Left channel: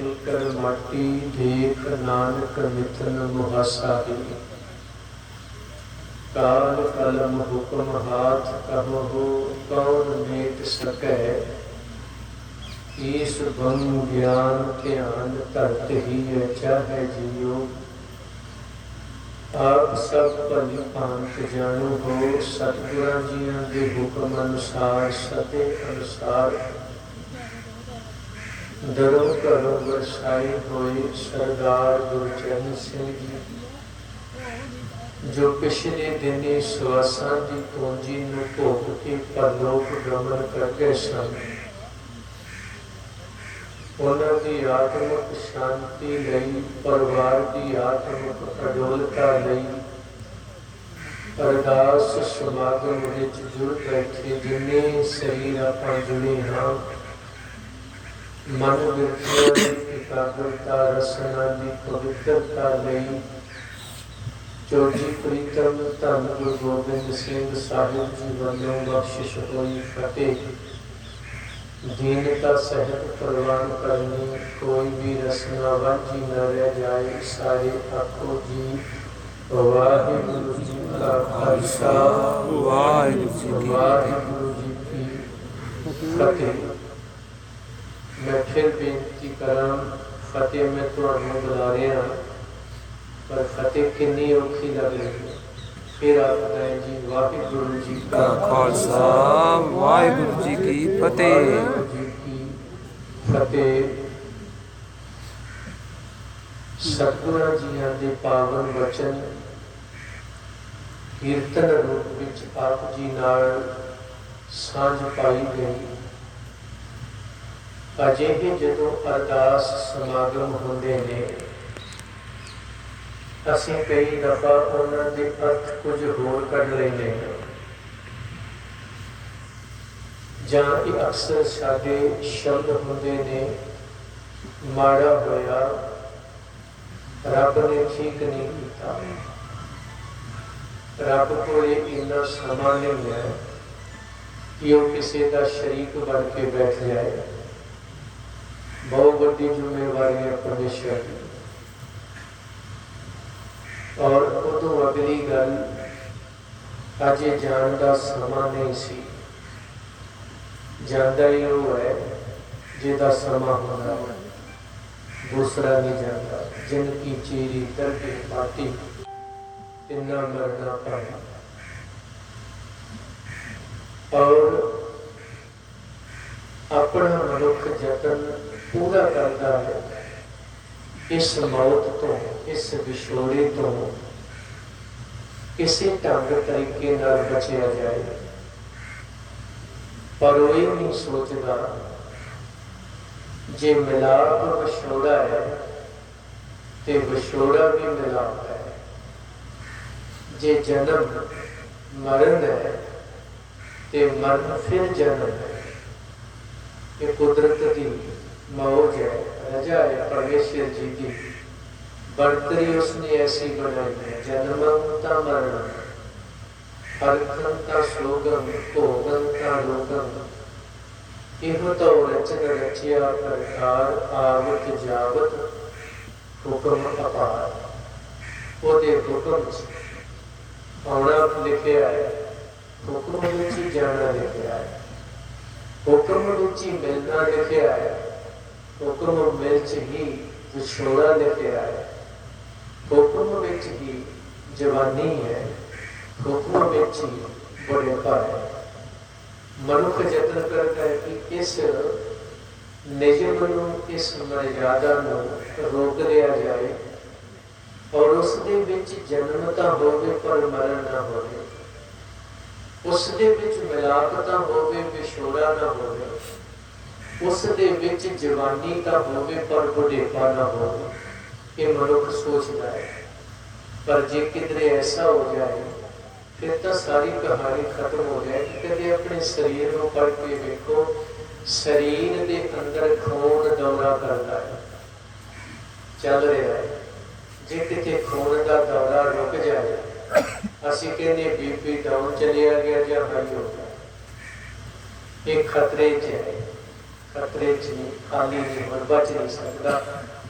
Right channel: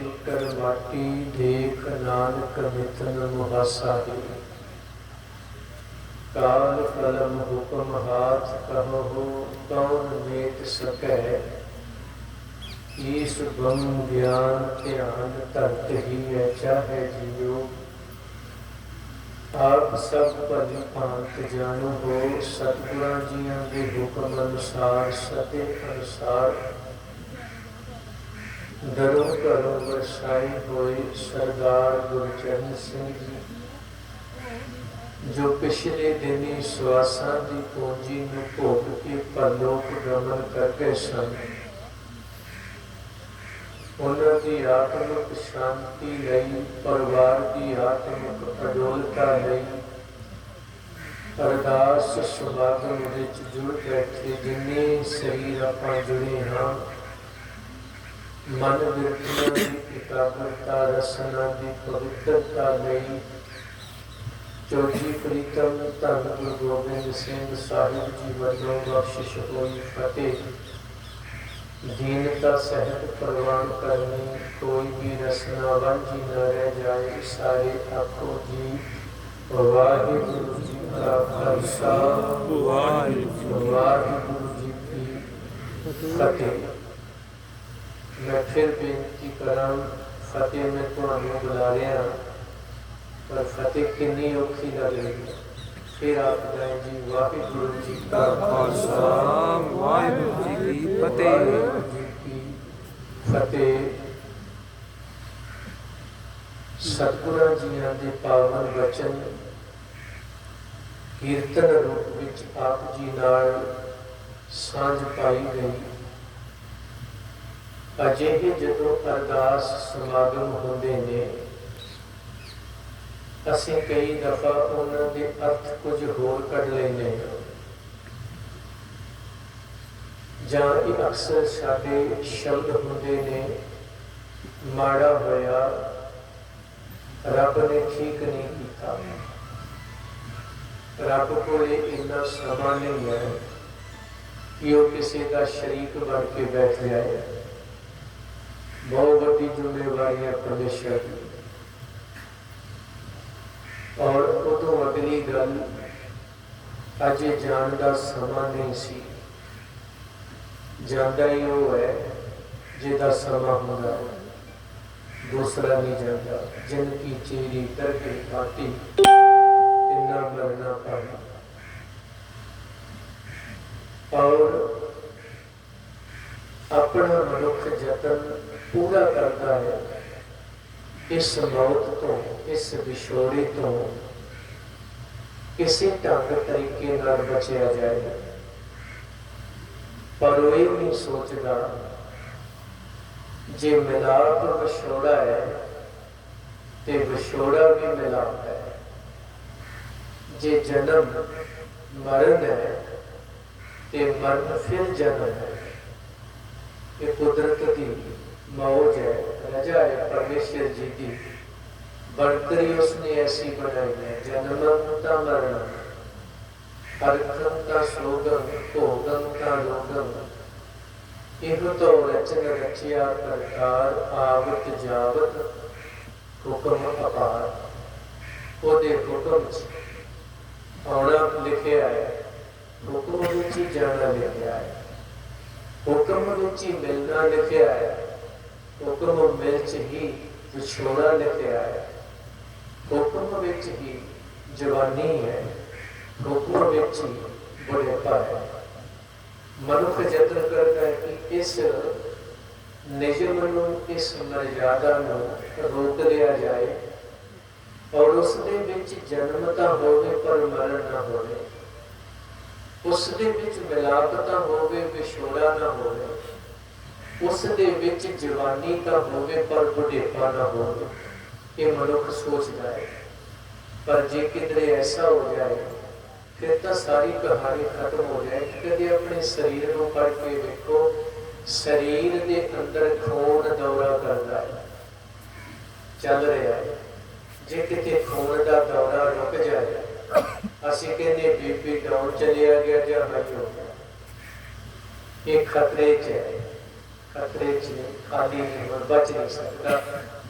छूटर माटी, देख नानक मिथन मुहासा ही। काल कलम हुक्म हाथ, कहो कौन मेट सकै। ईस गुण ज्ञान ध्यान, धरत ही चाहे जियो। आप सब भली भांत जाणो हो, सतगुरां जियां दे हुक्म अनुसार, सते अनुसार दरों घरों बरसाए होए सरदार गुरचरण सिंह जी। जो पिछले दिनी सवासां दी पूंजी नूं भोग के परलोक गमन कर गए सन, उन्हां दी आत्मिक शांति लई, परिवार दी आत्मिक अडोलता लई अरदास समागम विच जुड़ बैठे जिन्ने शरीर आपां जुड़े हां, मन बिरतियां दी एकाग्रता, रसना दी पवित्रता लई चौजी प्रीतम धन गुरु गोबिंद सिंह साहिब जी वल्लों बख्शिश होई फतेह। दीनता सहित प्रवान करनी, कोई भी रसना वांझी न रह जाए। सारे आखो जी वाहिगुरु जी का खालसा, वाहिगुरु जी की फतेह। मैं फिर बेनती करा, फतेह मैं तुहानूं बुला रहा, पर फतेह कितनी औखी लग रही है। फिर आखदा है जी वाहिगुरु जी का खालसा, वाहिगुरु जी की फतेह। वाहिगुरु जी की फतेह। सतगुरां जियां दे पावन वचन कीर्तन रूप विच आप जी नाल सांझ पाई गई। अजिहे जदों अरदास समागम होंदे ने, असीं कई दफा उन्हां दे अर्थ कुछ होर कढ लैंदे ने, जां इह अक्सर साडे शब्द हुंदे ने माड़ा होया, रब ने ठीक नहीं कीता, रब कोले इन्ना समा नहीं है कि वह किसी का शरीक बन के बैठ जाए। बहुत बड़ी जिम्मेवारी है परमेश्वर की। और उदों अगली गल, अजे जान का समा नहीं सी, जांदा ही वो है जिहदा समा होंदा है, दूसरा नहीं जाता। जिनकी चीरी तरके पाती, इन्ना मरना पाया। और अपना मनुख जतन पूरा करता है इस मौत तो, इस विछोड़े तो किसी ढंग तरीके नाल बचिया जाए, पर वो ये नहीं सोचता जे मिलाप विछोड़ा है तो विछोड़ा भी मिलाप है, जे जन्म मरण है तो मरण फिर जन्म है। ये कुदरत की मौज है, रजा है परमेश्वर जी की बढ़तरी उसने ऐसी बनाई है। जन्मंता मरणम, हरखंता सोगम, भोगंता रोगम, इह तो रचन रचिया प्रकार, आवत जावत हुक्म अपार। ओदे हुक्म आना लिखिया है, हुक्म विच ही जाना लिखिया है, हुक्म विच ही मिलना लिखिया है, हुक्म विच ही विछोड़ा लिखिया है, हुक्म विच ही जवानी है, हुक्म विच ही बुढ़ेपा है। मनुख यत्न करता है कि इस निजम नूं, इस मर्यादा नूं रोक लिया जाए और उस दे विच जन्म तां होवे पर मरण ना होवे, उस दे विच मिलाप तां होवे विछोड़ा ना होवे, उस दे विच जवानी तां होवे पर बुढ़ेपा ना होवे। ये मनुख सोचता है। पर जे किधरे ऐसा हो जाए फिर तो सारी कहानी खत्म हो जाए। कभी अपने शरीर को पढ़ के देखो, शरीर के अंदर खून दौरा करता है, चल रहा है। जे किते खून का दौरा रुक जाए, असीं कहने बीपी डाउन चलिया गया या हाई हो गया, ये खतरे च है। खतरे च नहीं, खाली नहीं, हुण बच नहीं सकता।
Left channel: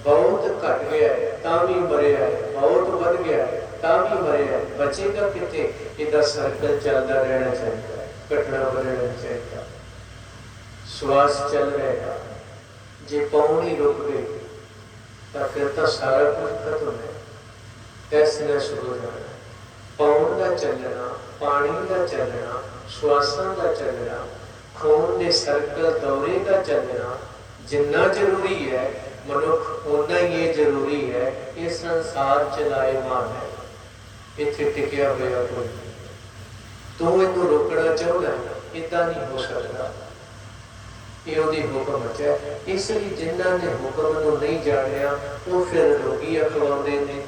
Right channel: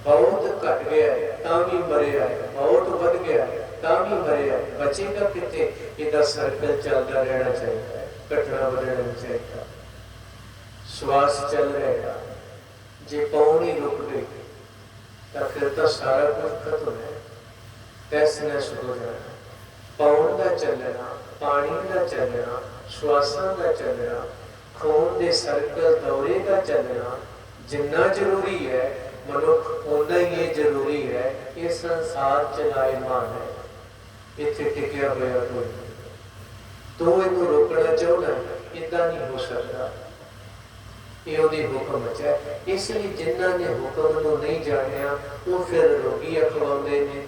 बहुत घट गया है तां भी मरिया है, बहुत बढ़ गया है तां भी मरिया है, बचेगा कितने? इहदा सर्कल चलता रहना चाहिए, घटना बदलना चाहिए। श्वास चल रहेगा, जे पौड़ी रुक गई तो फिर तो सारा कुछ खत्म है, तहस-नहस हो जाना। पौड़ का चलना, पानी का चलना, श्वासां का चलना, खून के सर्कल दौरे का चलना जिन्ना जरूरी है, मनुख उन्ना ही ये जरूरी है। ये संसार चलाएमान है, इत्थे टिकिया होया कोई नहीं। तू इनू रोकना चाहना, इदा नहीं हो सकता। ये उहदी हुक्म है, इसलिए जिन्हां ने हुक्म नूं नहीं जानिया वो फिर रोगी अखवाउंदे ने,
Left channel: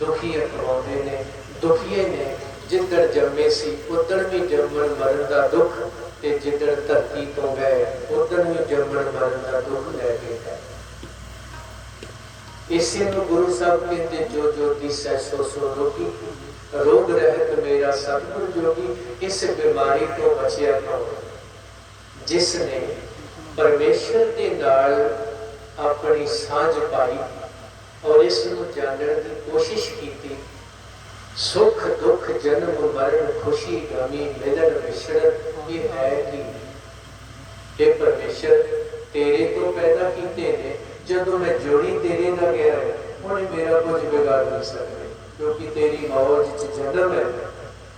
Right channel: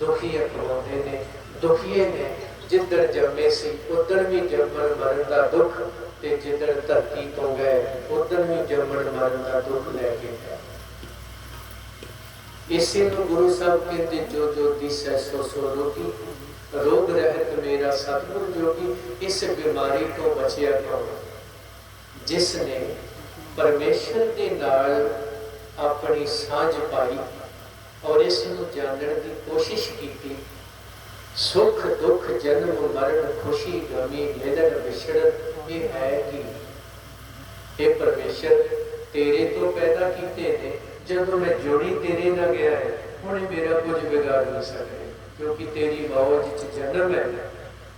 दुखी अखवाउंदे ने। दुखिए ने जिधर जन्मे सी उधर भी जम्मण मरण का दुख, ते जिधर धरती तो गए उधर भी जम्मण मरण का दुख लैके गए। इसी नूं गुरु साहब कहते, जो जो दिसै सो सो रोगी, रोग रहत मेरा सतगुर जोगी। इस बीमारी तो बचिया कौन? जिसने परमेश्वर के नाल अपनी सांझ पाई और इस नूं जानने की कोशिश की। सुख दुख जन्म मरण खुशी गमी मिलन विछड़न ये है कि ये परमेश्वर तेरे तो पैदा किए ने। जब मैं जोड़ी तेरे ना गया है हुण मेरा कुछ बिगाड़ नहीं सकते, क्योंकि तेरी मौज च जन्म है,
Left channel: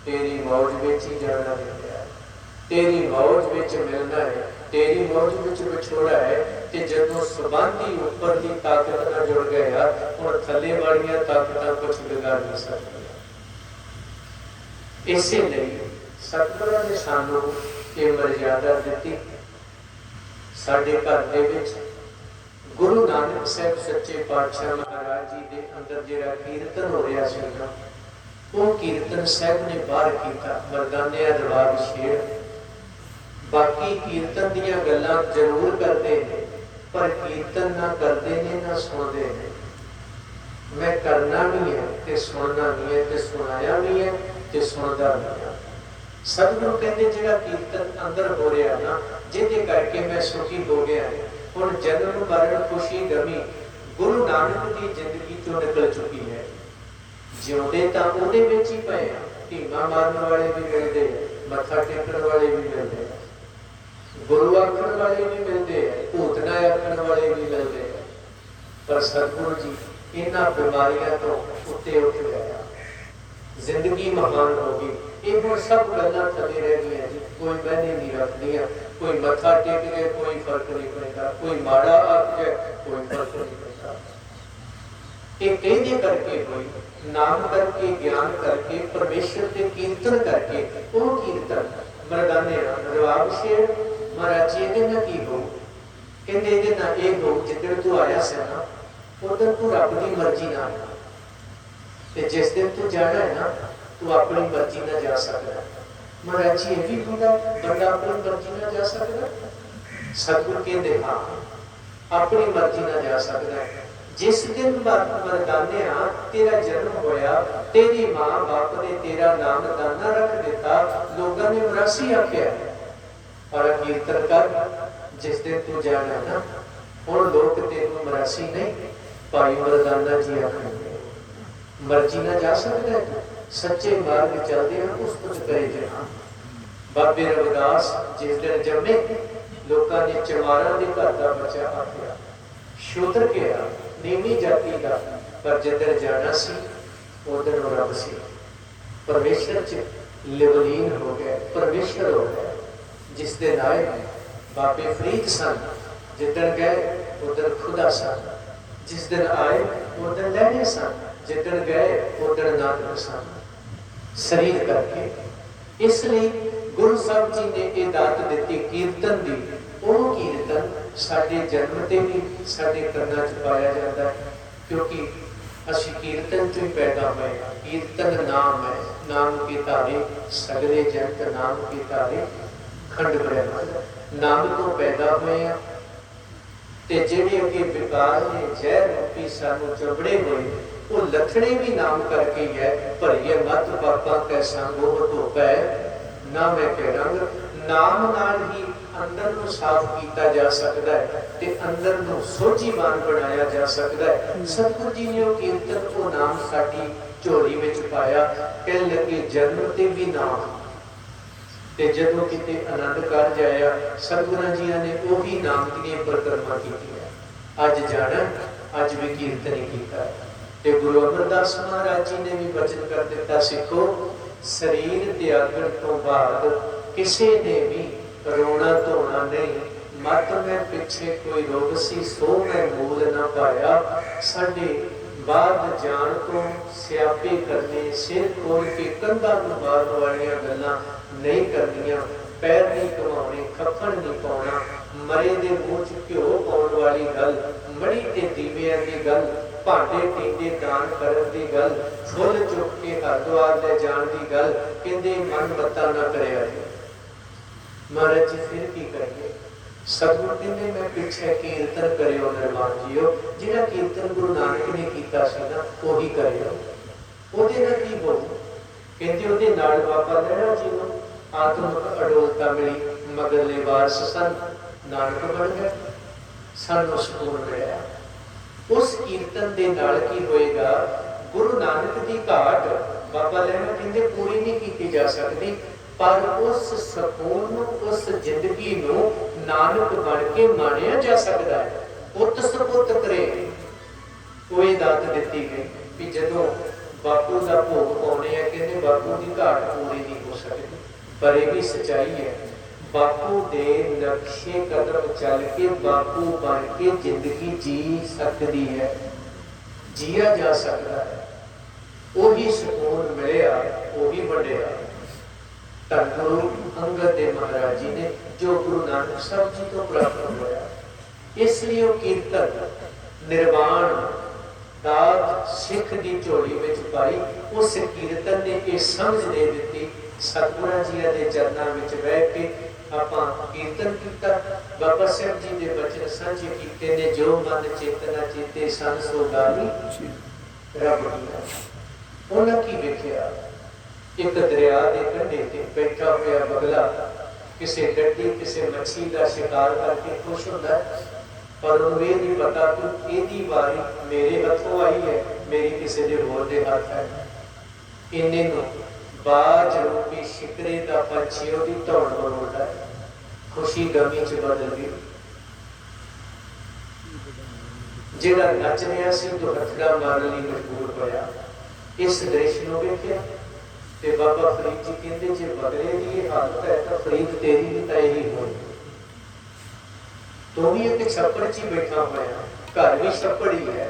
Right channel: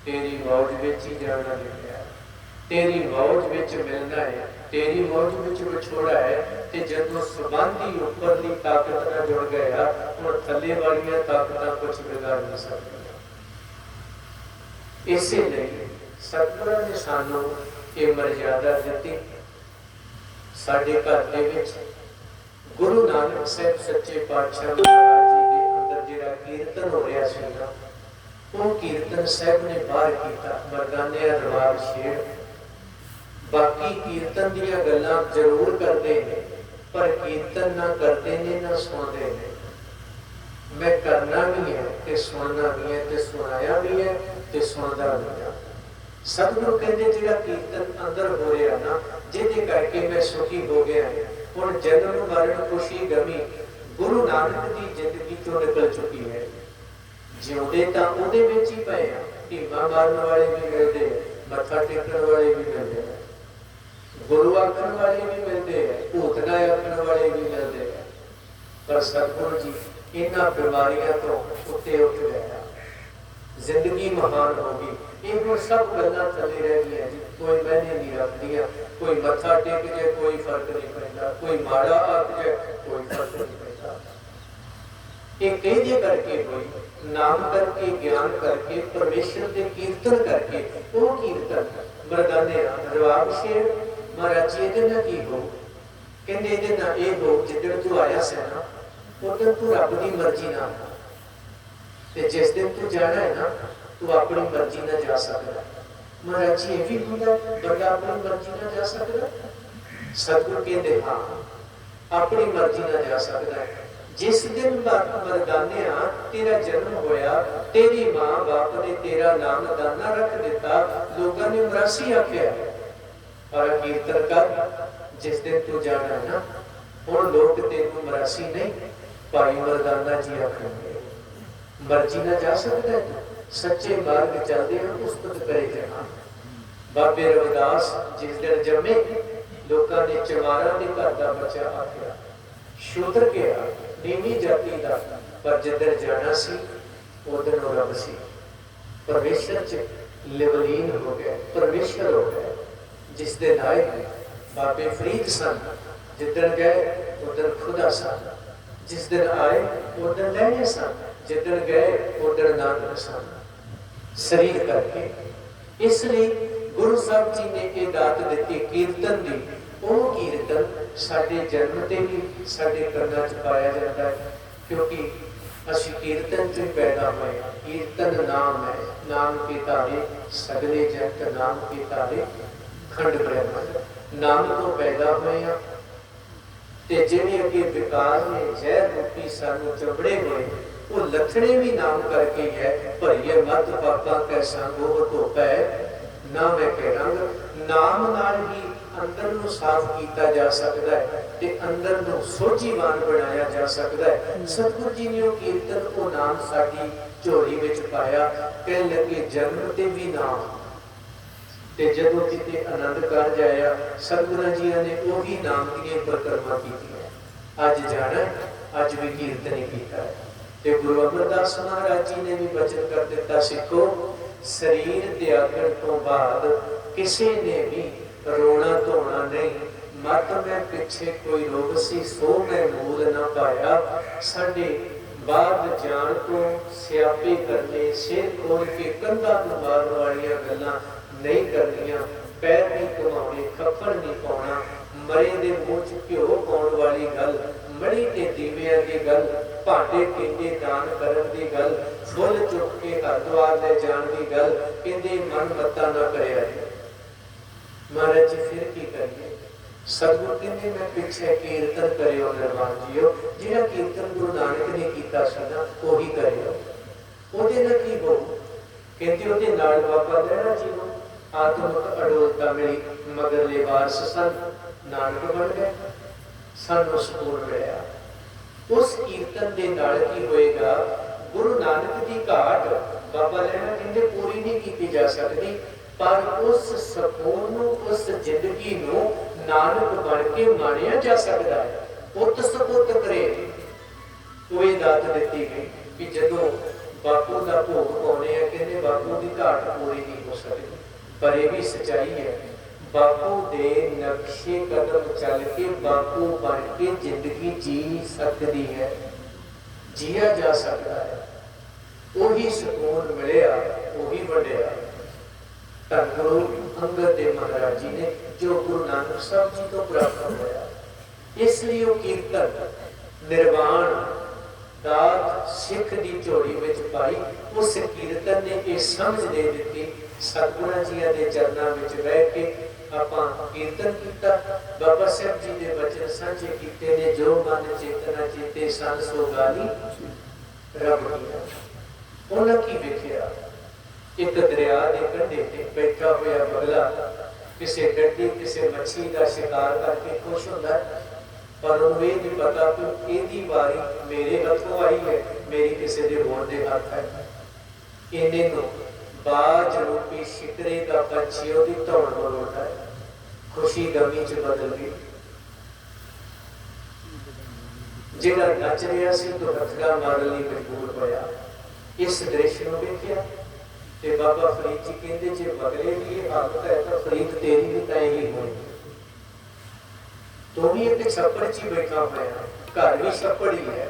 तेरी मौज विच ही जाना है, तेरी मौज विच मिलना है, तेरी मौज विच विछोड़ा है। ते जदों संबंधी उपरली ताकत नाल जुड़ गया हुण थल्ले वालियां ताकतां कुछ बिगाड़ नहीं सकती। इसीलिए सतगुरां ने सानू ये मर्यादा दी। साडे घर दे विच गुरु नानक साहब सच्चे पातशाह महाराज जी दे अंदर जिहड़ा कीर्तन हो रहा सी ना, वो कीर्तन साहब ने बाहर किया, मरदानिया दरबार छेड़। बाकी कीर्तन दीयां गल्लां जरूर करते हैं, पर कीर्तन ना करते ने ना सुनते हैं। मैं करना भी है ते सुनना भी है, ते सुनाया भी है ते सुनदा भी है। सतगुरु कहते जिहड़ा कीर्तन अंदर हो रहा ना, जिहदे करके मैं सुखी हो गया। हुण जन्म मरण खुशी गमी गुरु नानक की जिंदगी तो निकल चुकी है। जिउंदे तां उहदे विच ही पए आ। ढीमा मारन वाले भी मिलते हैं, मत्था टेकण वाले भी मिलते हैं, गुरु आखण वाले भी मिलते हैं, भूतना आखण वाले भी मिलते हैं। पर सतगुरु जी इन्हां बीमारियां तो उत्ते उठ गया, जिंदगी महान हो गई। ये हुण सब गल्लां थले रह गईयां जी, कोई मैंने नहीं रखदियां। कोई मत्था टेक जाए कोई फर्क नहीं पैंदा, कोई माड़ा आख जाए कोई फर्क नहीं पैंदा। ये कहदे करके कोई नाम करके ज्ञान करके परमेश्वर के कीर्तन करके वो कीर्तन मरदाने रवाब शेर महाराज जी ये की हो, कहते ये ना ये हो जिधर तू आया से ना उधर तू रब की मर्जी ना, जिस दिन तू जाना है ना तू अपनी मर्जी ना जा सकता। महाराज जी ये भी होंगे बंदा अपनी मर्जी ना जा सकता? सतगुरु कहते हाँ अपनी मर्जी ना जा सकता है। जिस दिन मरदाने तेरा जन्म होया, तेरी मां बाप ने तेरा नाम दाना रख दिता, लोगों ने मरासी आख्या और कीर्तन कर। जिस दिन तू जाना है ना हुण लोग तेन मरासी नहीं भाई मरदाना जी आखेंगे, मर्जी ना जा सकता है। सच्चे मार्ग चलते हैं उस कुछ करे जाना। बाबे रविदास जिस दिन जमे लोगों ने चमारा के घर का बच्चा आख्या, शूद्र गया नीवी जाति का, पर जिधर जाना सी उधर रब सी, परमेश्वर च लिवलीन हो गया, परमेश्वर हो गया। जिस दिन आए बाबे फरीद सन, जिधर गए उधर खुदा सन, जिस दिन आए उधर लहने सन, जिधर गए उधर नानक सन, शरीर करके। इसलिए गुरु साहब जी ने ये दात दी कीर्तन दी। वो कीर्तन साडे जन्म ते भी साडे करना च पाया जाता है, क्योंकि असी कीर्तन से पैदा हुए। कीर्तन नाम है, नाम के तारे सगले जगत नाम के तारे खंड ब्रह्म। नाम तो पैदा हुए हैं ते जेड़े अगे विकार ने जहर रूपी सानू चबड़े हुए वो लखने भी नाम करके है। भरिए मत पापा कै संग वो धोपै ना मैं कह रंग, नाम नाल ही अंदर नूं साफ किया जा सकता है ते अंदर नूं सोझीवान बनाया जा सकता है। सतगुरु जी ने वो कीर्तन को नाम साडी झोली विच पाया, कह लगे जन्म ते भी नाम। ते जदों किते आनंद कारज आया, सतगुरां जी ने वही नाम दी परिक्रमा की। अज जाना, अज भी कीर्तन ही किया है। ते गुरु अमरदास महाराज जी ने भी वचन कर दिता, सिखो शरीर त्यागण तो बाद किसी ने भी रोना धोना नहीं, मत मैं पिछे कोई रोग सी सो मैं मूल न पाया। साडे बाद जान तो स्यापे करने, सिर खोल के कंधा तो मारन वालियां गल्लां नहीं करनियां, पैर नहीं घुमाने, खप्पड़ नहीं पाउणा, मरे दे मूँह च घ्यो पाउण वाली गल, मड़ी ते दीवियां दी गल, भांडे टींडे दान करन दी गल, फुल चुक के हरद्वार ले जाण दी गल, कहंदे मन मत्ता ना करिया जी। महाराज जी फिर की करिए? सतगुरु कहंदे मैं पिछे कीर्तन करियो निर्वाण जीओ, जिहड़ा कीर्तन गुरु नानक ने कीता सी ना ओही करियो। ओहदे नाल की बोलू? कहंदे ओहदे नाल बाबा लैणा जी नूं आत्मक अडोलता मिली, मगरले वारस सन, नानक बन गए, सानू सकून मिलिया। उस कीर्तन दे नाल की होएगा? गुरु नानक दी घाट बाबा लैणा कहंदे पूरी नहीं की जा सकती, पर उस सकून नूं, उस जिंदगी नूं नानक बन के माणिया जा सकता है। पुत सपुत करे कोई दात दिती गई कि जदों बापू का भोग पाने, कहते बापू की घाट पूरी नहीं हो सकती। पर यह भी सच्चाई है, बापू दे नक्शे कदम चल के बापू बन के जिंदगी जी सकती है, जिया जा सकता है। वही सुकून मिलिया, वही बढ़िया धन गुरु अंगद देव महाराज जी ने जो गुरु नानक साहब जी को प्राप्त होया। इसलिए वो कीर्तन निर्वाण दात सिख की झोली में पाई। उस कीर्तन ने यह समझ दे दी, सतगुरां जी के चरणों में बह के आपां कीर्तन किया। बाबा साहब जी के बचन साझे किए ने, जो मन चेतना चेते सन सो गाली रब दिया। उन्हें की वेखिया? एक दरिया के कंढे ते बैठा हुआ बगला किसी डड्डी किसी मच्छी का शिकार करके खुश होता है, पर उन्हें ये नहीं पता कि यही बारी मेरे हथों आई है, मेरी किसी के होर दे हाथ है। इन्हें बाज रूपी शिकरे का पंछी उसकी धौड़ दौड़ता है, खुशी गमी च बदल गई। जिहड़ा नच रहा सी तो हथड़ा मारन लई मजबूर होया। इस दृश्य को वेखिया ते बाबा फरीद जी कहते, जे बगले की ये हालत है तो फरीद तेरी भी तो यही होनी। तो भी एक छप्पड़ च बैठा हुआ है, घर भी छप्पड़ ही है,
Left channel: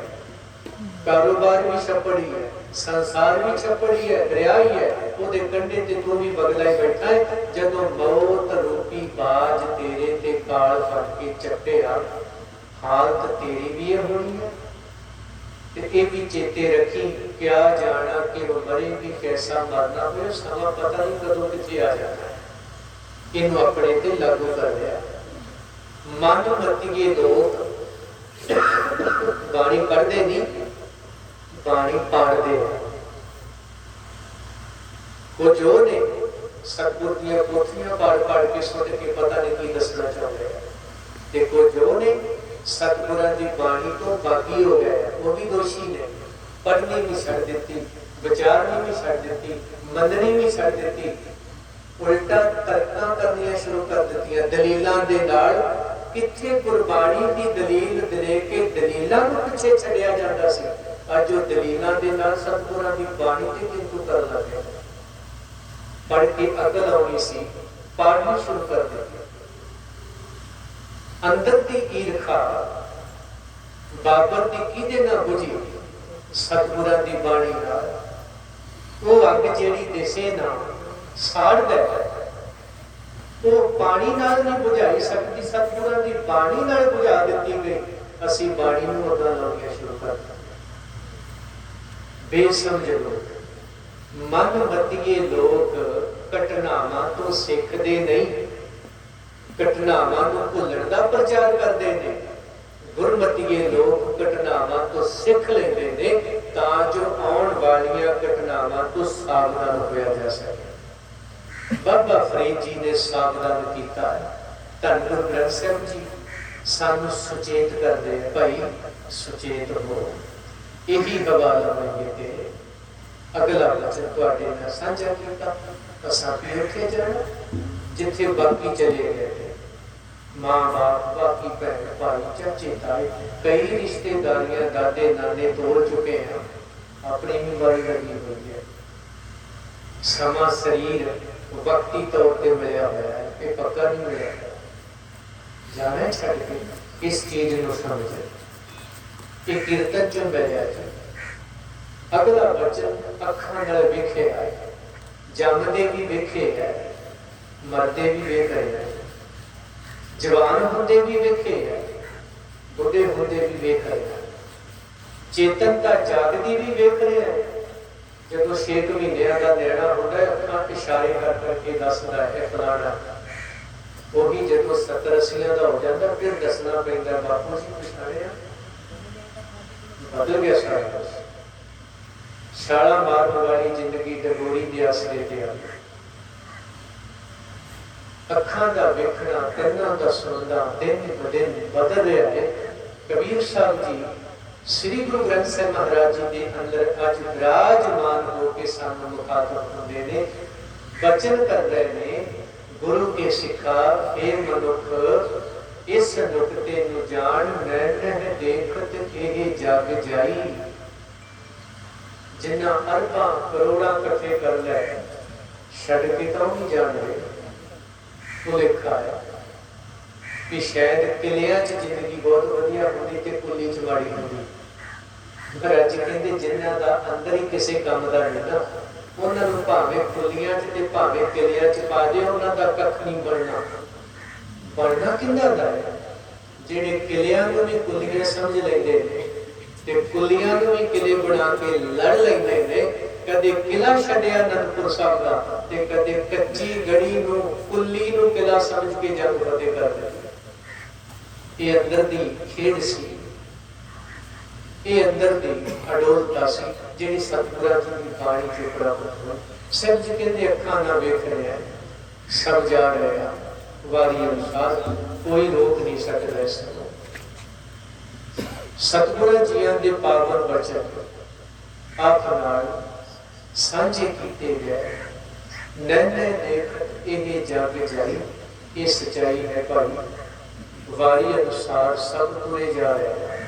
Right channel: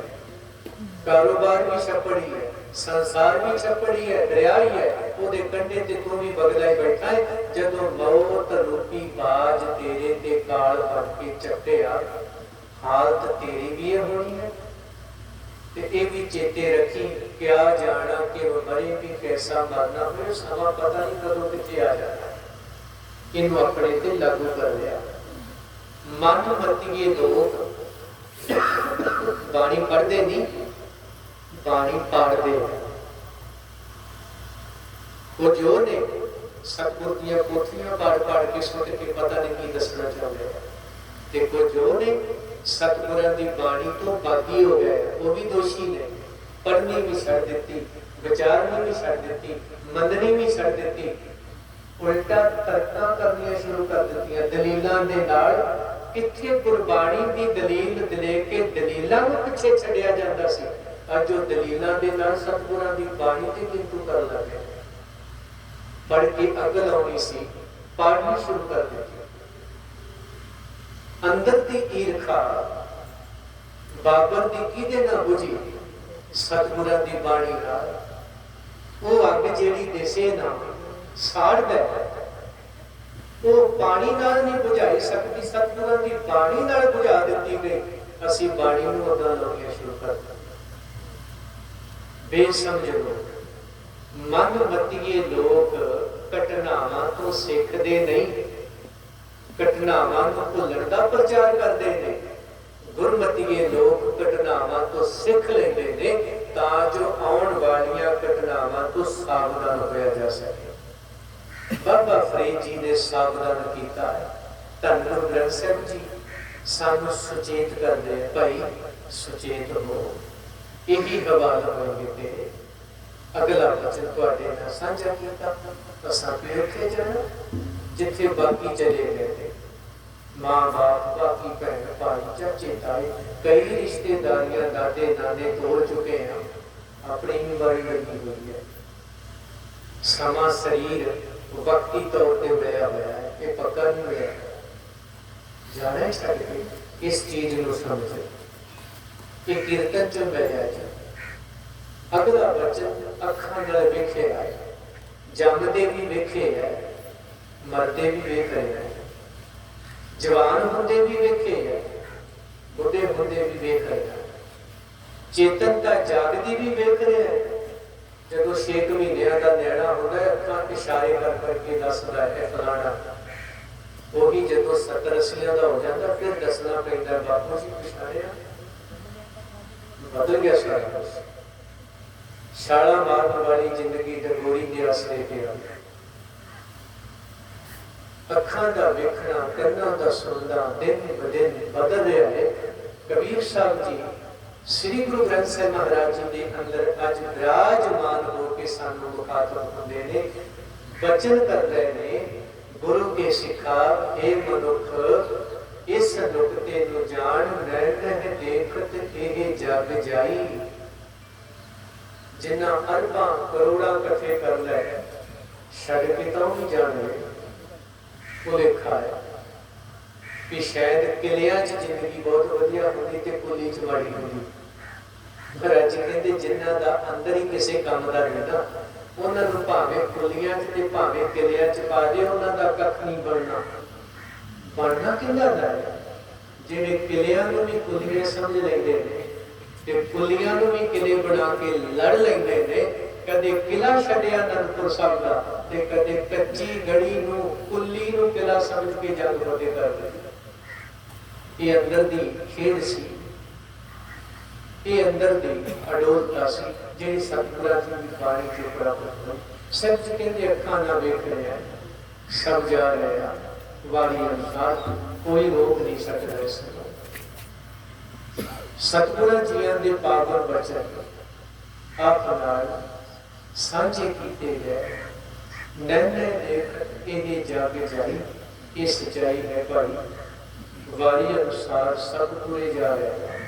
कारोबार भी छप्पड़ ही है, संसार भी छप्पड़ ही है, दरिया ही है, ਉਹਦੇ ਕੰਢੇ ਤੇ ਤੂੰ ਵੀ ਬਗਲਾ ਹੀ ਬੈਠਾ ਹੈ। ਜਦੋਂ ਮੌਤ ਰੂਪੀ ਬਾਜ ਤੇਰੇ ਤੇ ਕਾਲ ਫਟ ਕੇ ਚੱਟਿਆ, ਹਾਲਤ ਤੇਰੀ ਵੀ ਇਹ ਹੋਣੀ ਹੈ। ਤੇ ਇਹ ਵੀ ਚੇਤੇ ਰੱਖੀ, ਕਿਆ ਜਾਣਾ ਕਿ ਉਹ ਮਰੇ ਵੀ कैसा मरना, फिर समा पता नहीं कदों किथे आ जाना है। इन्हू अपने ते लागू कर लिया। मन मतिए लोग बाणी पढ़ते नहीं, बाणी पाड़ते हैं। वो जो ने सतगुर दी पोथियां पढ़ के सुन के पता नहीं की दसना चाहते हैं। देखो जो ने सतगुरां दी बाणी तो बागी हो गए, वो भी दोषी ने। पढ़नी भी छड़ दी, विचारनी भी छड़ दी, मननी भी छड़ दी, उल्टा तर्कां करनियां शुरू कर दित्तियां दलीलां दे नाल। किथे गुरबाणी दी दलील दे के दलीलां नूं पिछे छड़िया जांदा सी, अज वो दलीलां दे नाल सतगुरां दी बाणी ते किंतु कर लगे। पढ़ के अकल आउणी सी, पढ़नी शुरू कर दी। अंदर की ईर्खा बाबर की किदे ना बुझी, सतगुरां दी बाणी नाल। वो अग जेड़ी देसे ना साड़दा है, वो पानी नाल नहीं बुझाई सकती, सतगुरां दी बाणी नाल बुझा दित्ती गई। असीं बाणी नूं अग्गां लाउणीआं शुरू कर दित्तिआं। बेसमझ लोग, मन मतिए लोग घटनावां तो सिखदे नहीं, घटनावां नूं भुल्लण दा प्रचार करदे ने। गुरमतिए लोग घटनावां तो सिख लेंदे ने तां जो आउण वालियां घटनावां तो सावधान होया जा सके। बाबा फरीद जी ने सावधान किया है। ਧੰਨ ਗੁਰੂ ਗ੍ਰੰਥ ਸਾਹਿਬ ਜੀ ਸਾਨੂੰ ਸੁਚੇਤ ਕਰਦੇ ਆ, ਭਾਈ ਸੁਚੇਤ ਹੋ। ਇਹੀ ਹਵਾਲਾ ਹੋਏਗੇ ਤੇ ਅਗਲਾ ਵਚਨ ਤੁਹਾਡੇ ਨਾਲ ਸਾਂਝਾ ਕੀਤਾ। ਅਸਾਂ ਵੀ ਉੱਥੇ ਜਾਣਾ ਜਿੱਥੇ ਬਾਕੀ ਚਲੇ ਗਏ ਨੇ, ਮਾਂ ਬਾਪ, ਬਾਕੀ ਭੈਣ ਭਾਈ, ਚਾਚੇ ਤਾਏ, ਕਈ ਰਿਸ਼ਤੇਦਾਰੀਆਂ ਦਾਦੇ ਨਾਨੇ ਤੋੜ ਚੁੱਕੇ ਹਾਂ। ਆਪਣੀ ਵੀ ਵਾਰੀ ਲੱਗੀ ਹੋਈ ਹੈ। ਸਮਾਂ ਸਰੀਰ ਵਕਤੀ ਤੌਰ ਤੇ ਮਿਲਿਆ ਹੋਇਆ ਹੈ, ਇਹ ਪੱਕਾ ਨਹੀਂ ਮਿਲਿਆ। ਜਾਣਾ ਛੱਡ ਕੇ ਇਸ ਚੀਜ਼ ਨੂੰ ਸਮਝ, ਇਹ ਕੀਰਤਨ ਚ ਮਿਲਿਆ ਜੀ। ਅਗਲਾ ਵਚਨ ਅੱਖਾਂ ਨਾਲ ਵੇਖਿਆ ਹੈ, ਜੰਮਦੇ ਵੀ ਵੇਖੇ ਹੈ, ਮਰਦੇ ਵੀ ਵੇਖ ਰਹੇ ਹੈ, ਜਵਾਨ ਹੁੰਦੇ ਵੀ ਵੇਖੇ ਹੈ, ਬੁੱਢੇ ਹੁੰਦੇ ਵੀ ਵੇਖ ਰਹੇ ਹੈ, ਚੇਤਨਤਾ ਜਾਗਦੀ ਵੀ ਵੇਖ ਰਿਹਾ ਹੈ। ਜਦੋਂ 6 ਮਹੀਨਿਆਂ ਦਾ ਨਿਆਣਾ ਹੁੰਦਾ ਹੈ, ਅੱਖਾਂ ਇਸ਼ਾਰੇ ਕਰ ਕਰਕੇ ਦੱਸਦਾ ਹੈ ਫਲਾਣਾ। ਉਹੀ ਜਦੋਂ 70-80 ਦਾ ਹੋ ਜਾਂਦਾ ਫਿਰ ਦੱਸਣਾ ਪੈਂਦਾ, ਬਾਪੂ ਜੀ ਪਛਾਣਿਆ, ਬਦਲ ਗਿਆ ਸਾਰਾ ਕੁਛ। ਛਾਲਾ ਮਾਰਨ ਵਾਲੀ ਜ਼ਿੰਦਗੀ ਡਗੋਰੀ ਦੇ ਆਸਰੇ ਤੇ ਆ। ਅੱਖਾਂ ਦਾ ਵੇਖਣਾ, ਕੰਨਾਂ ਦਾ ਸੁਣਨਾ ਦਿਨ ਬ ਦਿਨ ਬਦਲ ਰਿਹਾ ਹੈ। ਕਬੀਰ ਸਾਹਿਬ ਜੀ ਸ੍ਰੀ ਗੁਰੂ ਗ੍ਰੰਥ ਸਾਹਿਬ ਮਹਾਰਾਜ ਜੀ ਦੇ ਅੰਦਰ ਅੱਜ ਵਿਰਾਜਮਾਨ ਹੋ ਕੇ ਸਾਨੂੰ ਮੁਖਾਤਬ ਹੁੰਦੇ ਨੇ, ਬਚਨ ਕਰ ਰਹੇ ਨੇ। ਗੁਰੂ ਕੇ ਸਿੱਖਾ ਇਹ ਮਨੁੱਖ ਇਸ ਨੁਕਤੇ ਨੂੰ ਜਾਣ, ਮੈਂ ਨਹਿ ਦੇਖਤ ਇਹ ਜਗ ਜਾਈ। ਜਿੰਨਾ ਅਰਬਾਂ ਕਰੋੜਾਂ ਇਕੱਠੇ ਕਰ ਲੈ, ਛੱਡ ਕੇ ਤਾਂ ਵੀ ਜਾਣ ਲੈ। ਭੁਲੇਖਾ ਹੈ ਵੀ ਸ਼ਾਇਦ ਕਿਲਿਆਂ 'ਚ ਜ਼ਿੰਦਗੀ ਬਹੁਤ ਵਧੀਆ ਹੁੰਦੀ ਤੇ ਕੁੱਲੀ 'ਚ ਮਾੜੀ ਹੁੰਦੀ। ਮਹਾਰਾਜ ਕਹਿੰਦੇ ਜਿਨ੍ਹਾਂ ਦਾ ਅੰਦਰ ਹੀ ਕਿਸੇ ਕੰਮ ਦਾ ਨਹੀਂ ਨਾ, ਉਹਨਾਂ ਨੂੰ ਭਾਵੇਂ ਕੁੱਲੀਆਂ 'ਚ ਤੇ ਭਾਵੇਂ ਕਿਲਿਆਂ 'ਚ ਪਾ ਦੇ, ਉਹਨਾਂ ਦਾ ਕੱਖ ਨਹੀਂ ਬਣਨਾ। ਬਣਨਾ ਕਿੰਨਾ ਦਾ ਹੈ? ਜਿਹੜੇ ਕਿਲਿਆਂ ਨੂੰ ਵੀ ਕੁੱਲੀਆਂ ਸਮਝ ਲੈਂਦੇ ਨੇ ਤੇ ਕੁੱਲੀਆਂ ਨੂੰ ਵੀ ਕਿਲੇ ਬਣਾ ਕੇ ਲੜ ਲੈਂਦੇ ਨੇ। ਕਦੇ ਕਿਲਾ ਛੱਡਿਆ ਅਨੰਦਪੁਰ ਸਾਹਿਬ ਦਾ ਤੇ ਕਦੇ ਕੱਚੀ ਗੜੀ ਨੂੰ ਕੁੱਲੀ ਨੂੰ ਕਿਲਾ ਸਮਝ ਕੇ ਜੰਗ ਫਤਿਹ ਕਰ ਦਿੱਤੀ। ਇਹ ਅੰਦਰ ਦੀ ਖੇਡ ਸੀ, ਇਹ ਅੰਦਰ ਦੀ ਅਡੋਲਤਾ ਸੀ ਜਿਹੜੀ ਸਤਿਗੁਰਾਂ ਦੀ ਬਾਣੀ ਚੋਂ ਪ੍ਰਾਪਤ ਹੋਈ। ਸਭ ਜੀ ਕਹਿੰਦੇ ਅੱਖਾਂ ਨਾਲ ਵੇਖ ਰਿਹਾ, ਸਭ ਜਾ ਰਿਹਾ, ਵਾਰੀ ਅਨੁਸਾਰ ਕੋਈ ਰੋਕ ਨਹੀਂ ਸਕਦਾ ਇਸ ਨੂੰ। ਸਤਿਗੁਰਾਂ ਜੀਆਂ ਦੇ ਪਾਵਨ ਬਚਨ ਆਪ ਨਾਲ ਸਾਂਝੇ ਕੀਤੇ ਗਏ। ਨੈਣੇ ਦੇਖ ਇਹ ਜਗ ਜਾਈ, ਇਹ ਸੱਚਾਈ ਹੈ ਭਾਈ। ਵਾਰੀ ਅਨੁਸਾਰ ਸਭ ਤੁਰੇ ਜਾ ਰਿਹਾ।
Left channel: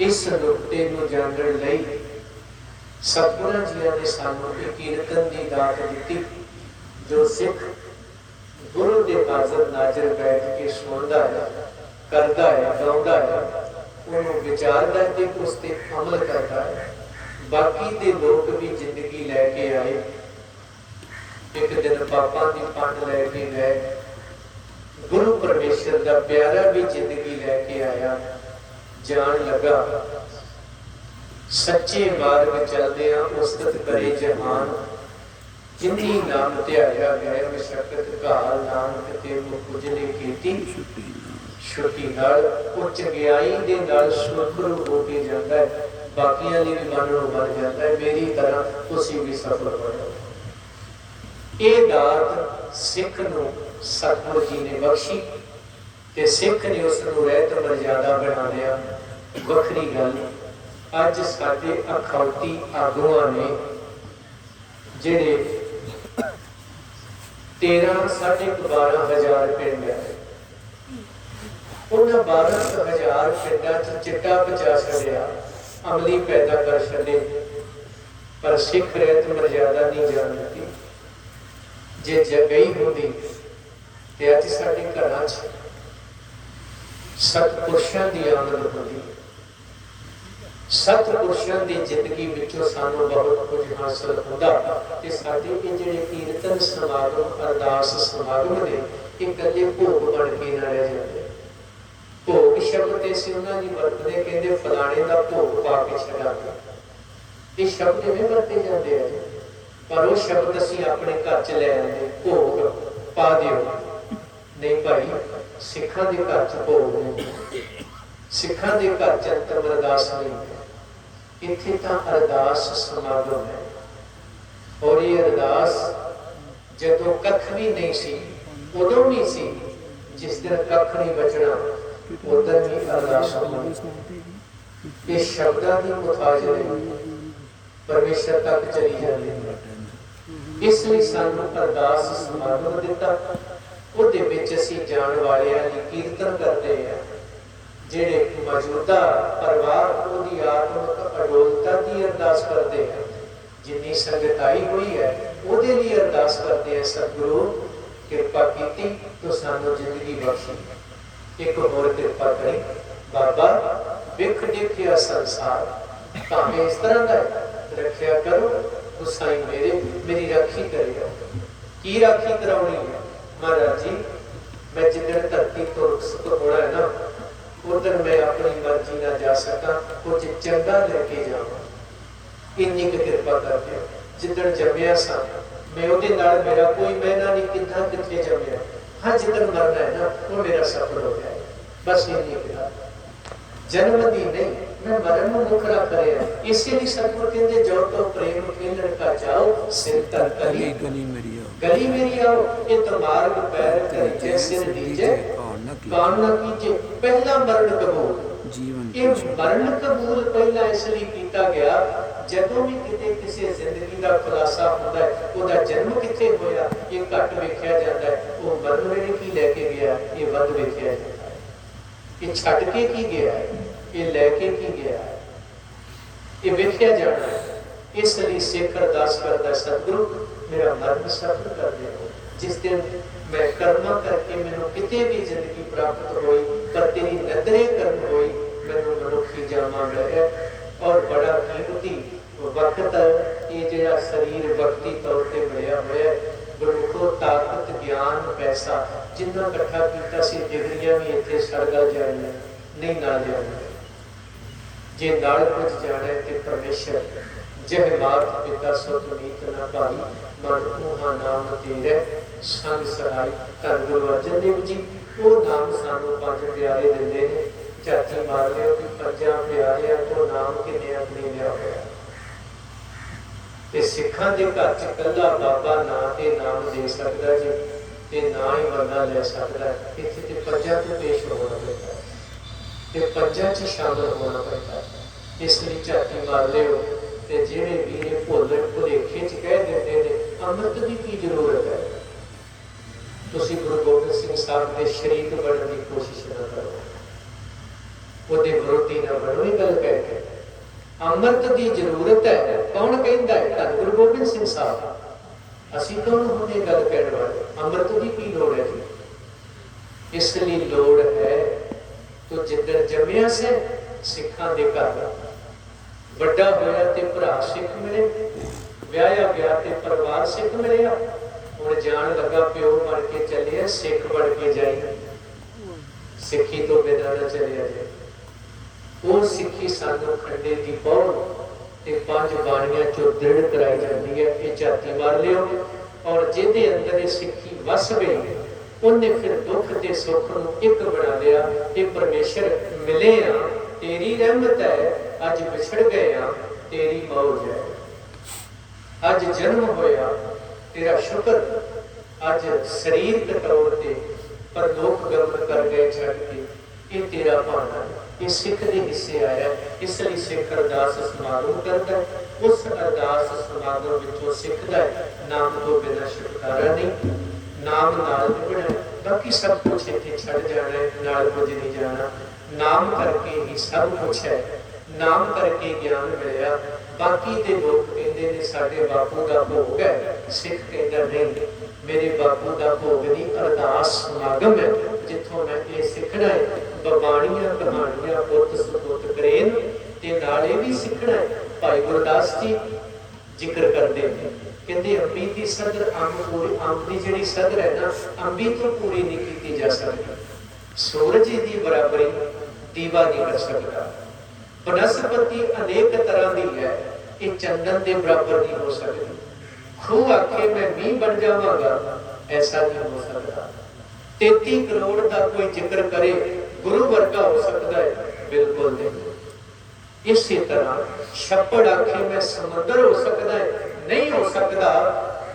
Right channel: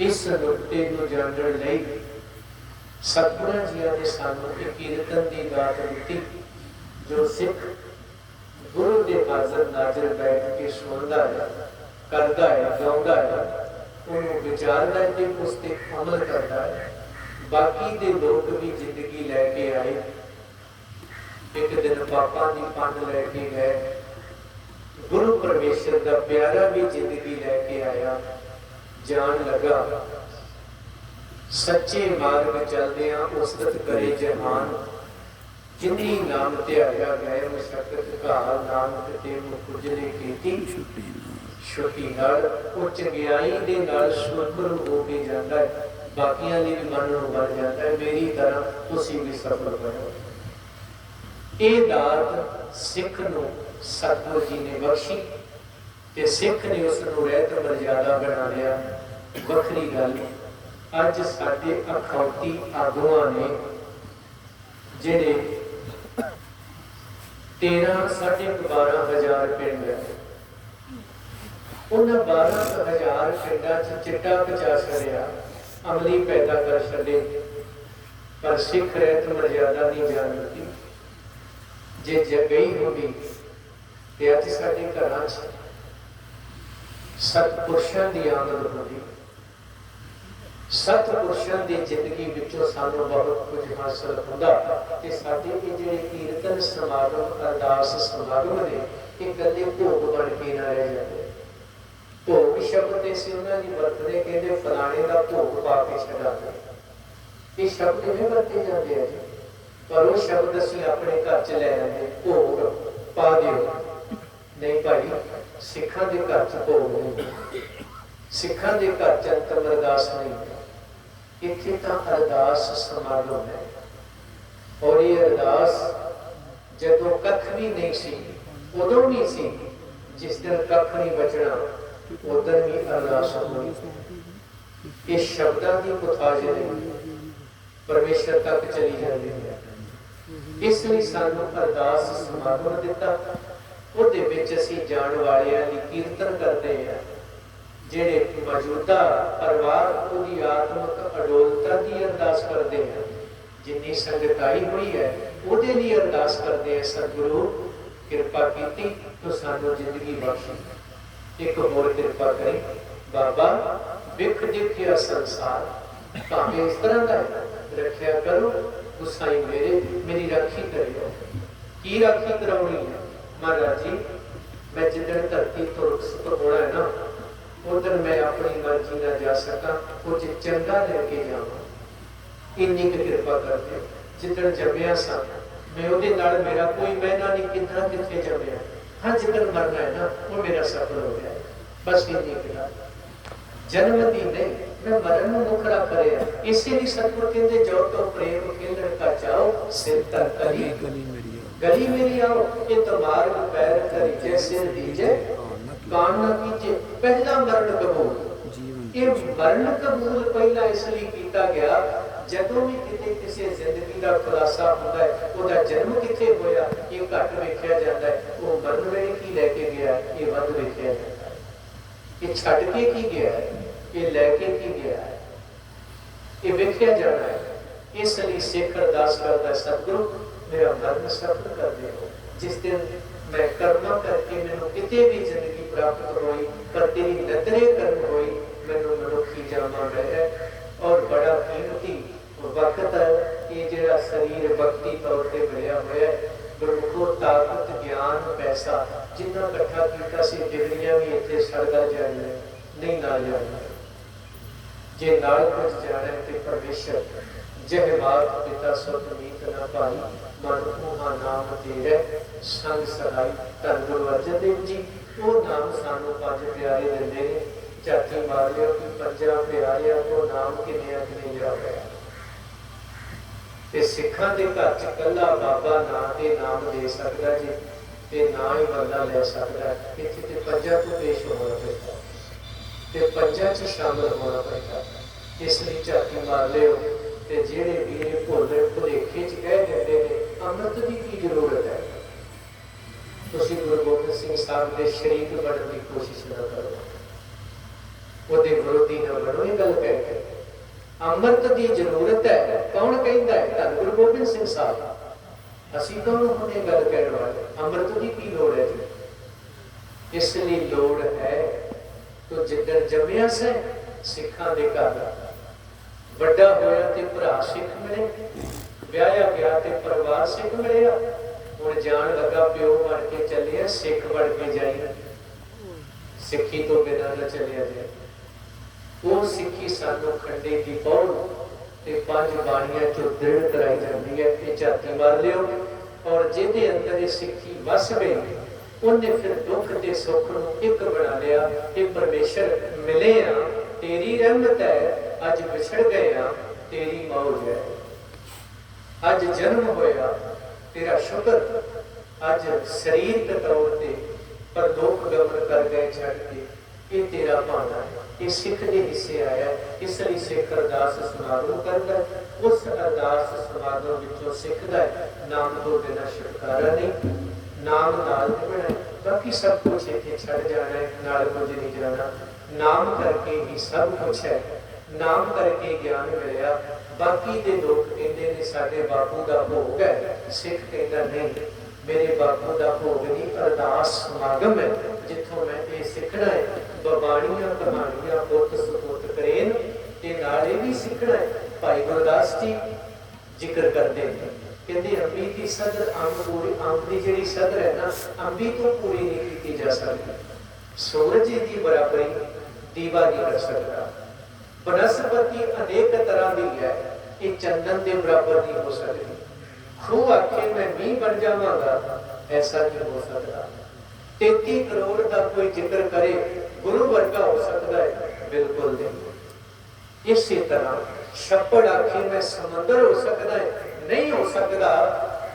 ਇਸ ਨੁਕਤੇ ਨੂੰ ਜਾਣਨ ਲਈ ਸਤਿਗੁਰਾਂ ਜੀਆਂ ਨੇ ਸਾਨੂੰ ਇਹ ਕੀਰਤਨ ਦੀ ਦਾਤ ਦਿੱਤੀ। ਜੋ ਸਿੱਖ ਗੁਰੂ ਦੇ ਹਾਜ਼ਰ ਨਾਜ਼ਰ ਬੈਠ ਕੇ ਸੁਣਦਾ ਹੈ, ਕਰਦਾ ਹੈ, ਗਾਉਂਦਾ ਹੈ, ਉਹਨੂੰ ਵਿਚਾਰਦਾ ਤੇ ਉਸ ਤੇ ਅਮਲ ਕਰਦਾ ਹੈ। ਬਾਕੀ ਦੇ ਲੋਕ ਵੀ ਜ਼ਿੰਦਗੀ ਲੈ ਕੇ ਆਏ। ਇੱਕ ਦਿਨ ਪਾਪਾਂ ਦੀ ਪੰਡ ਲੈ ਕੇ ਗਏ, ਗੁਰੂ ਪਰਮੇਸ਼ਰ ਦਾ ਪਿਆਰਾ ਵੀ ਜ਼ਿੰਦਗੀ ਲੈ ਕੇ ਆਇਆ। ਜਾਣ ਲੱਗਾ ਸੱਚੇ ਮਾਰਗ ਚੱਲਦਿਆਂ ਉਸਤਤ ਕਰੇ ਜਹਾਨ। ਜਿੰਨੀ ਨਾਮ ਧਿਆਇਆ ਗਏ ਮਸ਼ਕਤ ਘਾਲ, ਨਾਨਕ ਤੇ ਮੁਕੁਜਰੇ ਕੀਤੀ ਛੁੱਟੀ ਨਾਲ। ਉਹ ਚੰਗਿਆਈ ਦੇ ਨਾਲ ਸੁਰਖਰੂ ਹੋ ਕੇ ਜਾਂਦਾ ਹੈ, ਬਾਕੀਆਂ ਲਈ ਵੀ ਮਨ ਨੂੰ ਬਣ ਜਾਂਦਾ ਹੈ। ਮੇਰੀ ਤਰ੍ਹਾਂ ਤੁਸੀਂ ਵੀ ਸਫਲ ਬਣੋ। ਇਹ ਦਾਤ ਸਿੱਖ ਨੂੰ ਸਤਿਗੁਰੂ ਜੀ ਨੇ ਬਖਸ਼ੀ ਤੇ ਸਿੱਖ ਨੇ ਉਸ ਨੂੰ ਰਹਿਤ ਮਰਜ਼ਾਦਾ ਬਣਾ ਲਿਆ। ਵੱਖਰੀ ਗੱਲ, ਅੱਜ ਸਾਡੇ ਅਖੌਤੀ ਆਗੂਆਂ ਨੇ ਜਿਹੜੇ 13-12,000 ਪਿੰਡ ਆ, ਉਹਨਾਂ 12,000 ਪਿੰਡਾਂ 'ਚ ਚਿੱਟਾ ਪਚਾ ਛੱਡਿਆ, ਅਮਲੀ ਪੈਦਾ ਕਰ ਛੱਡੇ, ਪਰ ਸਿੱਖ ਰਹਿਤ ਮਰਜ਼ਾਦਾ ਨਹੀਂ ਜਾਣਦੀ। ਜੇ ਜਗਈ ਹੁੰਦੀ ਤੇ ਅੱਜ ਸਾਡੇ ਘਰਾਂ 'ਚ ਸਤਿਪੁਰਸ਼ਾਂ ਦੀ ਆਮਦ ਹੁੰਦੀ। ਸਤਿਪੁਰਸ਼ਾਂ ਦੀ ਜ਼ਿੰਦਗੀ ਵਿੱਚੋਂ ਸਾਨੂੰ ਬਹੁਤ ਕੁਝ ਹਾਸਲ ਹੁੰਦਾ। ਤੇ ਸਾਡੇ ਇਹ ਜਿਹੜੇ ਕੀਰਤਨ ਸਮਾਗਮ, ਅਰਦਾਸ ਸਮਾਗਮ ਨੇ, ਇਹ ਕਦੇ ਭੋਗ ਬਣ ਕੇ ਨਾ ਰਹਿ ਜਾਂਦੇ। ਭੋਗ ਸ਼ਬਦ ਤੇ ਸੀ ਉਹਨਾਂ ਦੀ ਵਰਤਦੇ, ਕਹਿੰਦੇ ਫਲਾਣੇ ਦਾ ਭੋਗ ਪਾ ਕੇ ਛੱਡਾਂਗੇ। ਇਹ ਸ਼ਬਦ ਇਵੇਂ ਵਰਤੇ ਜਾਂਦੇ ਆ ਜੀ, ਪਰ ਉਹ ਸ਼ਬਦ ਅਸੀਂ ਆਪਣੇ ਘਰ 'ਚ ਲੈ ਆਉਂਦੇ, ਭੋਗ ਪਾ ਦਿਓ। ਨਹੀਂ ਭਾਈ, ਸਿੱਖਾਂ ਦੇ ਘਰ 'ਚ ਭੋਗ ਨਹੀਂ, ਸਿੱਖਾਂ ਦੇ ਘਰ 'ਚ ਅੰਤਮ ਅਰਦਾਸ ਨਹੀਂ। ਇੱਥੇ ਤਾਂ ਅਰਦਾਸ ਸਮਾਗਮ ਹੈ। ਔਰ ਇਹ ਅਰਦਾਸ ਜਦੋਂ ਕੱਖ ਵੀ ਨਹੀਂ ਸੀ, ਉਦੋਂ ਵੀ ਸੀ जिस दिन कख नहीं बचना उधर भी अरदास होनी। ये शब्दां की मुताज नहीं परमेश्वर तक चली जाती है। इसलिए सानू अरदास समागम दिता, उहदे विच असीं जाण वालियां दी कीर्तन करते हैं। जिहड़े मौजूदा परिवार उहदी आत्मक अडोलता की अरदास करते हैं, जिन्नी संगत आई हुई है उहदे लिए अरदास करते हैं, सतगुरु किरपा कीती तो सानू जिंदगी बख्शी, एक होर किरपा करी बाबा, विख देखिया संसार भावें इस तरह का रखिया करो, गुसाई मेरी राखी करियो। की राखी कराउणी है महाराज जी, मैं जिधर धरती तो रुखसत होना है ना, उधर मैं अपनी मर्जी ना जा सका, कुछ चंगा लेके जावा, इन्नी की कृपा कर दियो। जिधर जमया सा मैं उहदे नाल मेरा कोई मैना नहीं कितना किथे जमया, हाँ जिधर मरना है ना वो मेरा सफल हो गया, बस इन्नी कहा। जन्म दी नहीं, मैं मरण में मुखड़ा करे। इसीलिए सतगुरु कहते जो तो प्रेम खेलण का चाहो, सिर तर कली गली मेरी आओ, ये तो मार्ग पैर करीजे सिर दीजे कान न कीजे। पहला मरण कबूल, ये मरण कबूल पहला इसलिए किया गया, जदों भी किते किसी जिंदगी का खुलासा होता है, उसका जन्म किथे होया ये घट वेखिया जाता है, वो मरण वेले की लेके गया ये वध वेखिया जाता है। ये छड़ के की गया है, ये लैके की गया है, ये वेखिया जाना है। इसलिए सिख अरदास करता है, सतगुरु मेरा मरण सफल कर दे। जिस दिन मैं कर्मा करके मैनू किते भी जिंदगी प्राप्त हुई, पर तेरी नदरे कर्म हुई, मैनू मनुखी जामा मिला और बड़ा कीमती वक्त ये जिहड़ा शरीर वक्ती तौर पर मिलिया हुआ है। गुरमुखो ताकत ज्ञान पैसा जिन्ना इकट्ठा किया सी, डिग्रियां भी इत्थे सड़गल जानियां नहीं, नाल जानियां। जे नाल कुछ जाना है तो परमेश्वर जह मात पिता सुख मीत ना भाई, मन ऊहा नाम तेरे संग सहाय। धन गुरु अर्जन देव जी वो नाम सानू पंज प्यारे दिंदे ने, झाती मार लियो कि पंजां प्यारिਆਂ को नाम किन्ने अपने लिया होया। ते सिखां दे घर च कल्ला बाबा ना ते नाम दे सकदा जी, ते ना ही बंदा ले सकदा। इत्थे ते पंजां तो पेश होना पैंदा ते पंजां च शामिल होना पैंदा। इसलिए झाती मार लियो ते जिहड़े वीर भुल भुलेखे च कह दिंदे ने अमृत दी की जरूरत है, तुसीं गुरु गोबिंद सिंह साहब दे शरीक बनने की कोशिश ना करो, ਉਹਦੇ ਵਿਰੋਧੀ ना बनो। ये गल कह के अमृत की जरूरत है, कौन कहता है? धन गुरु गोबिंद सिंह साहब। असीं कौन होंदे गल कहण वाले? अमृत की की लोड़ है जी? इसलिए लोड़ है तो जिधर जम्मिया से सिखां दे घर वड्डा होया ते भरा सिख मिले, ब्याया गया ते परिवार सिख मिलिया, हुण जान लगा प्यो बन के चलिया सिख बन के जाई, सिखी तो बिना न चलिया जाए। वो सिखी सानू खंडे की पौड़ ते पंज बाणियां चो दृढ़ कराई जाती है, ये झाती मार लियो। और जिहदे अंदर ये सिखी वस गई उन्हें फिर दुख ते सुख नूं एक बना लिया। ये परमेश्वर मिले आ तेरी रहमत है, अज विछड़ गए आ तेरी मौज है। अज जन्म होया तेरा शुक्र, अज शरीर के तौर पर पर लोक गमन कर गए छड़ के, ये तेरा भाना है, ये सिख के हिस्से आया। इसलिए सिख अरदास समागम करता है, उस अरदास समागम विचों सिखदा है नाम तो बिना छुटकारा नहीं, नाम नाल निभना है, बाकी सब कुछ इत्थे छड़ जाना है, नाल कुछ नहीं जाना। नाम करके ही सब कुछ है, नाम करके ज्ञान मिलिया। बाकी दे लोग कहते ने साडे बापू का भोग है, सिख कहता नहीं मेरे बापू का भोग नहीं, अरदास समागम है जिथों मैं ये सीखना है। बबाणियां कहानियां पुत सपुत करेन ते नाले भी सीखना है। भाई गुरदास जी जिक्र करते हैं, कहते अंबी की सदर अंब पूरी, अंब की जिहड़ी सदर है ना अंबी तो पूरी नहीं की जा सकती, सूरज की बराबरी दीवा नहीं कर सकता। बनस्पति अनेक तरह की है, ये चंदन के बराबर नहीं हो सकती। खूह आखे मैं मीह बन जावांगा, ऐसा नहीं हो सकता। 33 करोड़ का कोई जिक्र करे गुरु वर्गा हो सकता है? बिल्कुल नहीं। इसी तरह छप्पड़ आखे मैं समंदर हो सकता है? नहीं हो सकता।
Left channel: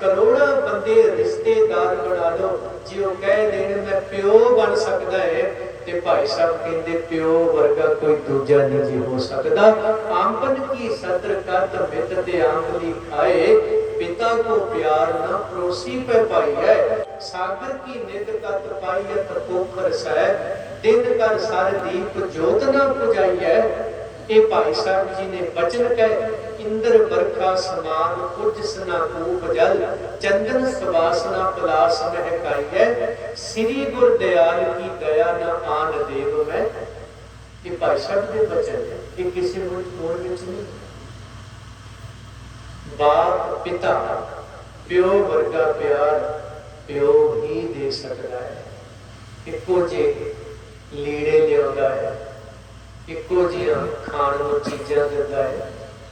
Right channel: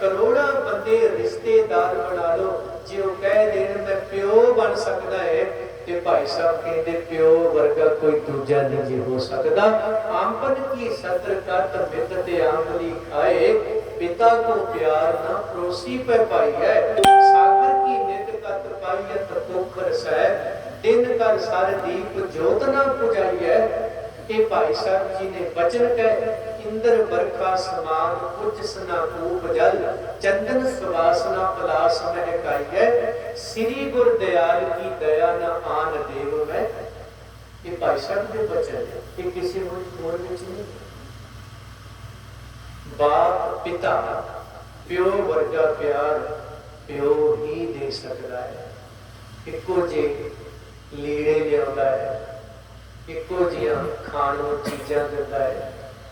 करोड़ों बंदे रिश्तेदार बना लो, जे वो कह देन मैं प्यो बन सकता है, ते भाई साहब कहते प्यो वर्गा कोई दूजा नहीं जी हो सकता। आंपन की सत्र कत मित ते आंबली खाए, पिता को प्यार ना पड़ोसी पे पाई है। सागर की नित कत पाईयत पोखर सै, दिन कर सर दीप जोत ना पुजाई है। ये भाई साहब जी ने बचन कहे, इंद्र बरखा समान कुछ सना कूप जल, चंदन सुवासना पलास महकाई है। श्री गुर दयाल की दया न आन देव में। ये भाई साहब के बचन है, ये किसी होर विच नहीं। बाप पिता प्यो वर्गा प्यार प्यो ही दे सकता है। इको जे लीड़े लिया है, इको जिहा खाण नूं चीज़ां दिंदा है,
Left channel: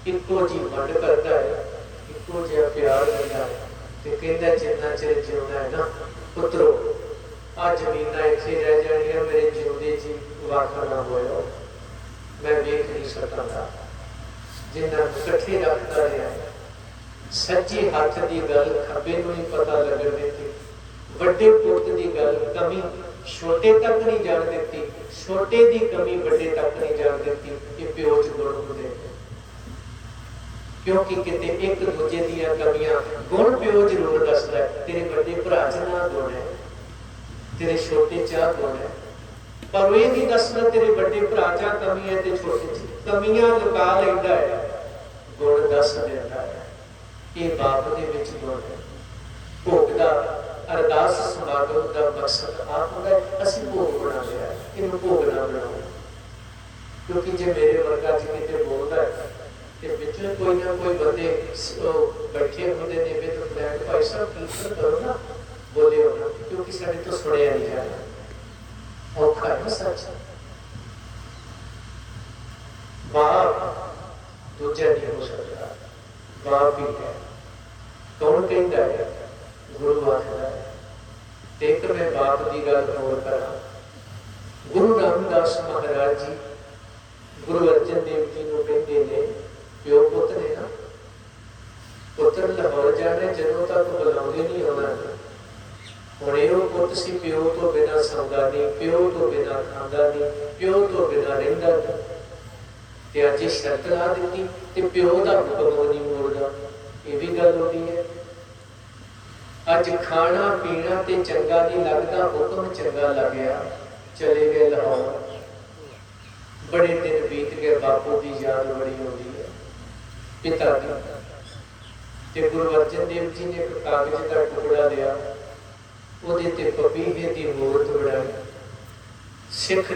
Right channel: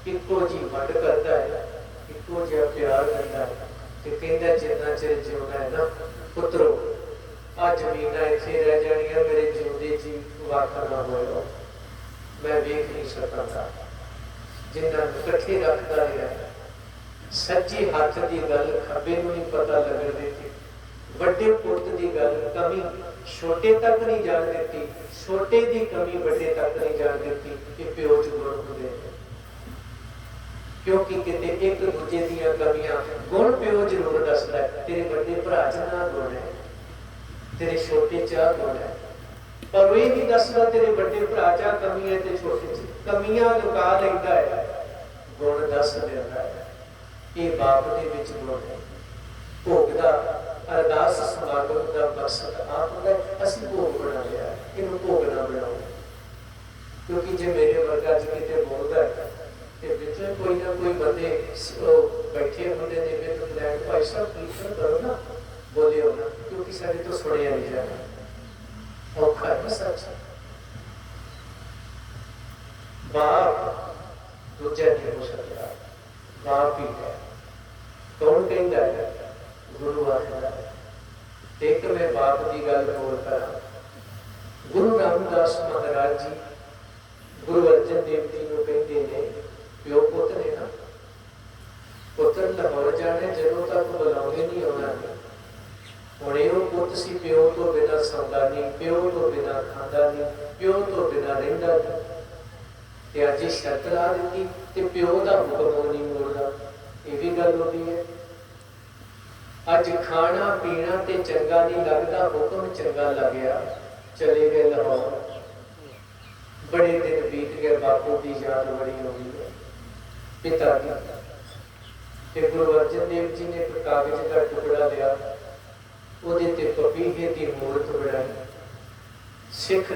इको जी वंड करता है, इको जिहा प्यार दिंदा है। ते कहंदा जिन्ना चिर जिउंदा है ना पुत्रो, आ जमीनां इत्थे रह जाणियां, मेरे जिउंदे जी वाक ना होया, मैं वेख नहीं सकदा। जिन्ना इकट्ठे रखदा रहा, सज्जे हत्थ दी गल खब्बे नूं नहीं पता लगण दित्ती, वड्डे पुत्त दी गल कमी छोटे तक नहीं जान देती, छोटे की कमी बड़े तक नहीं जान देती। ये प्यो च गुण होंदे, क्योंकि किते एक दूजे दीयां कमियां गुण प्यो जरूर दसदा है। तेरे बड़े भरा च ना गुण है, तेरे छोटे च गुण है, पर वो नहीं दसदा तेरे बड़े भरा च कमी है ते छोटे च कमियां लुका लैंदा है, गुण दस देंदा है। ये बाप दे विच गुण है। भोग दा अरदास समागम का मकसद आप होता है, असी भोग बना लिया, इन्हें भोग ना बनाओ। क्योंकि जो मेरे वर्गा जी किते बोलता है, कि बिचले कोई ना कोई बंदे बैठे होंगे ने वे तो लैंड भाई साहब कीर्तन करो ना, बोले हो ना, क्योंकि सारे तो सुनिया नहीं जाना, औखा है ना सच। बाप दूजा नहीं हो सकता, बाप ही है। कौन कहता है? गुरु आखदा है। एक मैं बाप की गल होर करा। गुरु रामदास महाराज जी गुरु अर्जन देव जी को कहते ने, प्यो पुत ने ना, पुत्र लाहौर जाने जदों तक बुलावे नहीं आना। हुणे वो पुत सी प्यो तो बिना सौंदा नहीं, प्यो तो बिना खांदा नहीं, प्यो तो बिना रहिंदा नहीं। ते अज शर्त ला दी ते प्यो का हुक्म नहीं मोड़दा, ये भी गल होती है। अज खाना पीना ते चंगा नहीं लगता, हुक्म चंगा लग गया, चले गए लाहौर। बड़े दिन बीत गए, बापू की याद बड़ी होती है, पिता की। ते गुरु अर्जन देव जी ने एक कागज का टुकड़ा लिया, वो पपीहे की मूर्त बनाई, सिख